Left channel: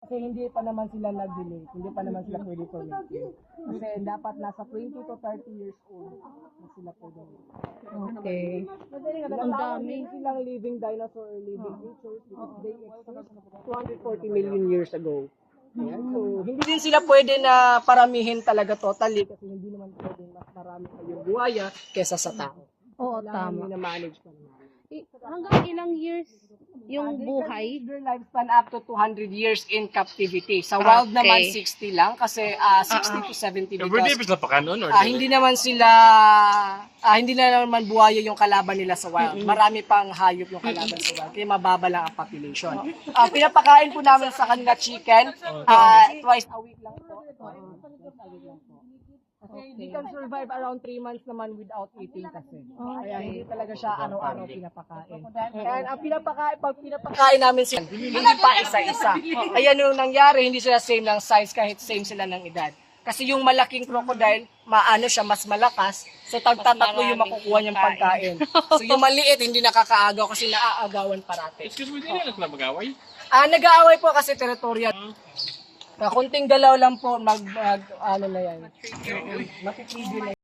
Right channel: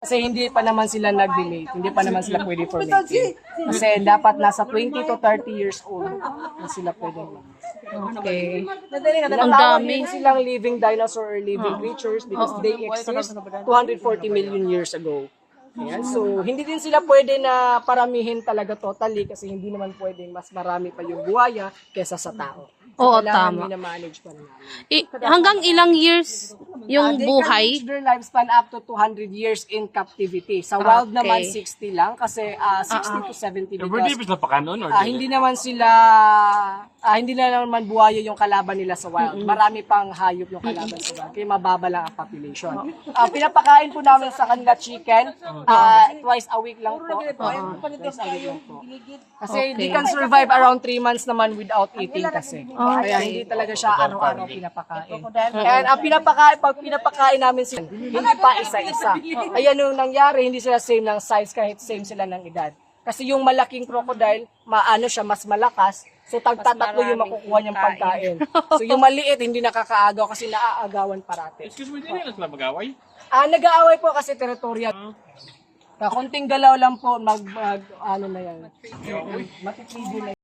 Kasi hindi pa naman sila nag-delete, hindi pa naman sila pwede for mating. Kasi dapat nasa 20 to 30 years old na sila pwede. Okay. Ang dami silang living dinosaur or living creatures because they exist 240 million years ago. Ayan. So, hindi din sila pwede na paramihin talaga totally kasi hindi naman pwedeng mas marami pa yung buhaya kesa sa tao. So, Oo, kailangan tama. mina-manage pa rin namin. Hanggang ilang years yung They can buhay? reach their lifespan up to 200 years in captivity. Sa wild naman 60 lang kasi 60 to 70 because hindi naman sila hindi na naman buhaya yung kalaban nila sa wild. Marami pang hayop yung kalaban sa wild. Kaya mababa lang ang population. Pinapakain po namin sa kanila chicken twice a week lang po. Twice a week lang po. Kasi they can survive around 3 months naman without eating kasi. Kaya hindi talaga siya araw-araw pinapakain. And ang pag pinapakain namin sila, hindi pa isa-isa. Kaya nung nangyari, hindi sila same ng size kahit same sila ng edad. Kasi yung malaking crocodile, siya, mas malakas. So tagtatakbo yung makukuha niyang pagkain. So yung maliit, hindi nakakaagaw kasi naaagawan parati. Excuse me, hindi na sila mag-away? Nag-aaway po kasi territorial. Kunting galaw lang po, ano na yan. Matitigil na